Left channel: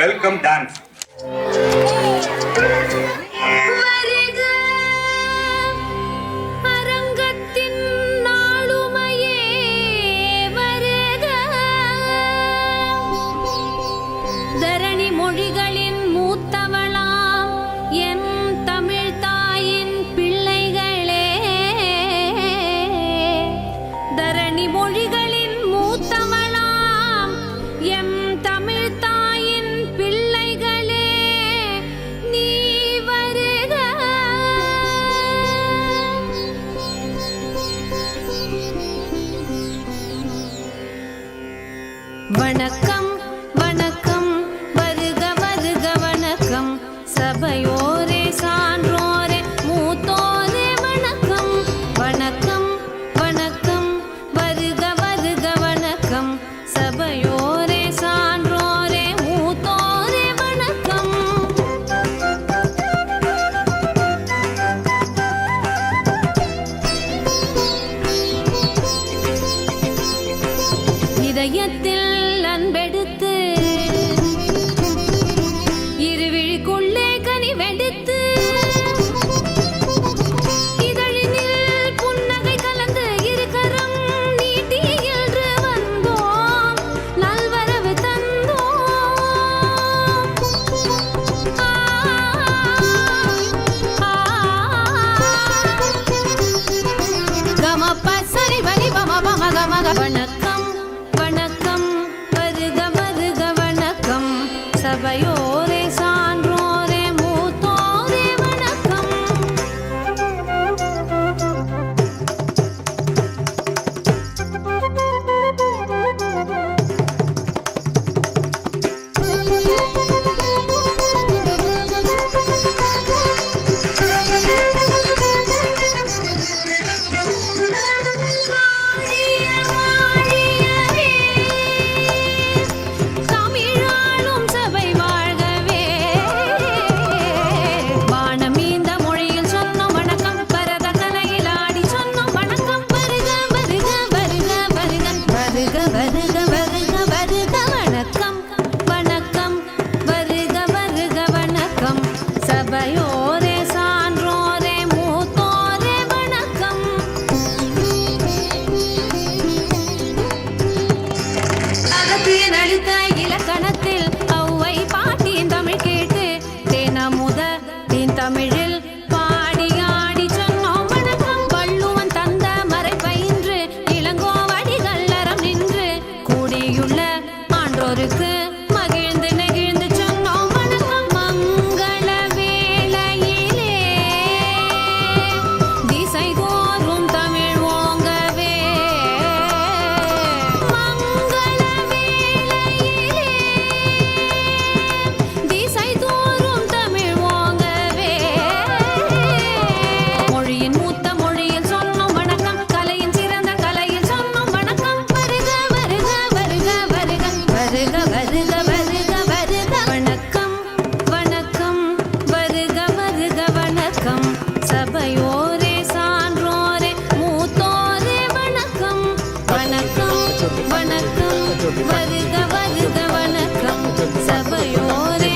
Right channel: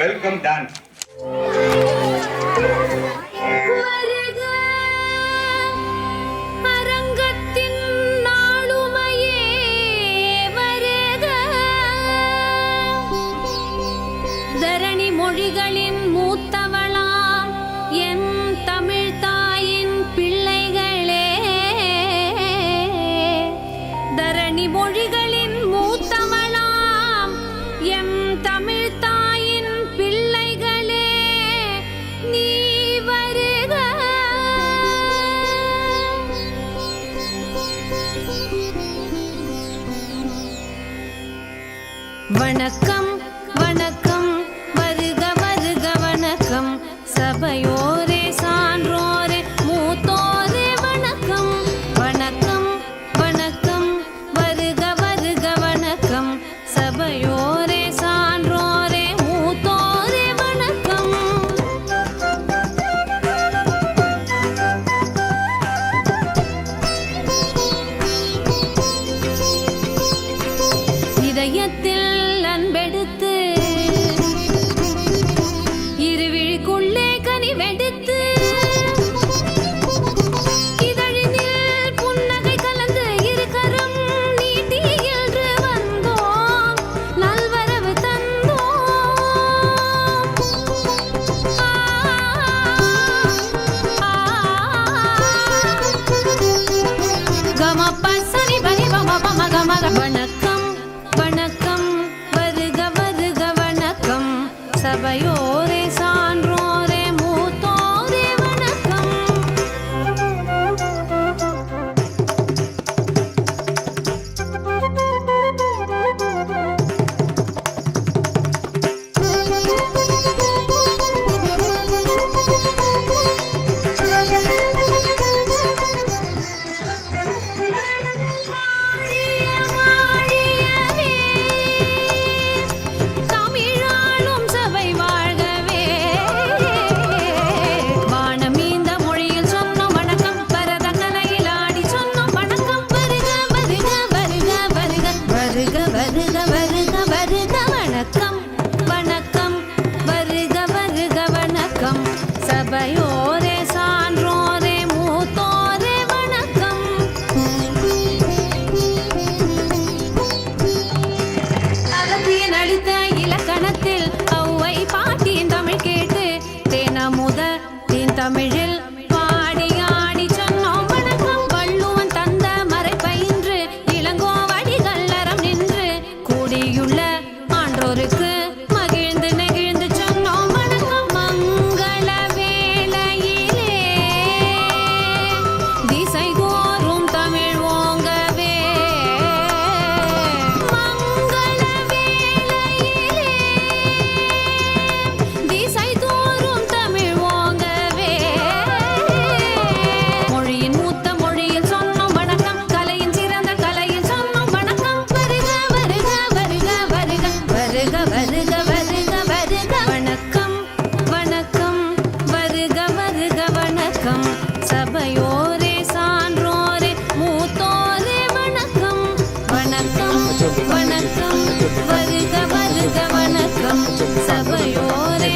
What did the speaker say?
Welcome dance. அரங்கத்தின் நாளுமையே வருக. தரணி மொழிகளின் மூத்தவளாம் என் தமிழ் தாயின் பிள்ளைகளே. தரணி மொழிகளின் மூத்தவளாம் எம் தமிழ் தாயின் பிள்ளைகளே நீ வருக. வணக்கம் வணக்கம் வருக வருக வணக்கம். சபையோரே சான்றோரே மூத்தோரே வணக்கம். வணக்கம் வணக்கம் வருக வருக வணக்கம். சபையோரே சான்றோரே மூத்தோரே வணக்கம். இதயத்தில் அன்பெடுத்து இருவிழிக்குள்ளே கனிவெடுத்து இதழினில் புன்னகை கலந்து இருக்கரம் நீட்டி என்று வந்தோம். நல்வரவு தந்தோம். வணக்கம் வணக்கம் வருக வருக வணக்கம். சபையோரே சான்றோரே மூத்தோரே வணக்கம். தமிழாளும் சபை வாழ்கவே. வானமீந்த மொழியில் சொன்னோம் வணக்கம். பரத கலையில் ஆடி சொன்னோம் வணக்கம். வருக வருக வருக வருக வருக வருக வருக வருக வணக்கம். வணக்கம் வருக வருக வணக்கம். சபையோரே சான்றோரே மூத்தோரே வணக்கம். அகத்தியன் அளித்த இலக்கணத்தில் ஔவை பாட்டியின் தமிழ் கேட்டு தேனமுத தீன் தமிழில் பாடி ஆடி சொன்னோம் வணக்கம். வள்ளுவன் தந்த மறை பயின்று இளங்கோவடிகள் அறம் நின்று கூடியுள்ள ஆன்றோருக்கு மகிழ்ந்து நெகிழ்ந்து சொன்னோம் வணக்கம். மங்கள வேளையிலே திசை தோறும் தமிழ் ஓங்கவே. மங்கள வேளையிலே திசை தோறும் தமிழ் ஓங்கவே. மொழியின் மூத்த மொழியில் சொன்னோம் வணக்கம். கலையின் சிறந்த கலையில் சொன்னோம் வணக்கம். வருக வருக வருக வருக வருக வருக வருக வருக வணக்கம். வணக்கம் வருக வருக வணக்கம். சபையோரே சான்றோரே மூத்தோரே வணக்கம். வணக்கம் வணக்கம் வருக வருக வணக்கம். சபையோரே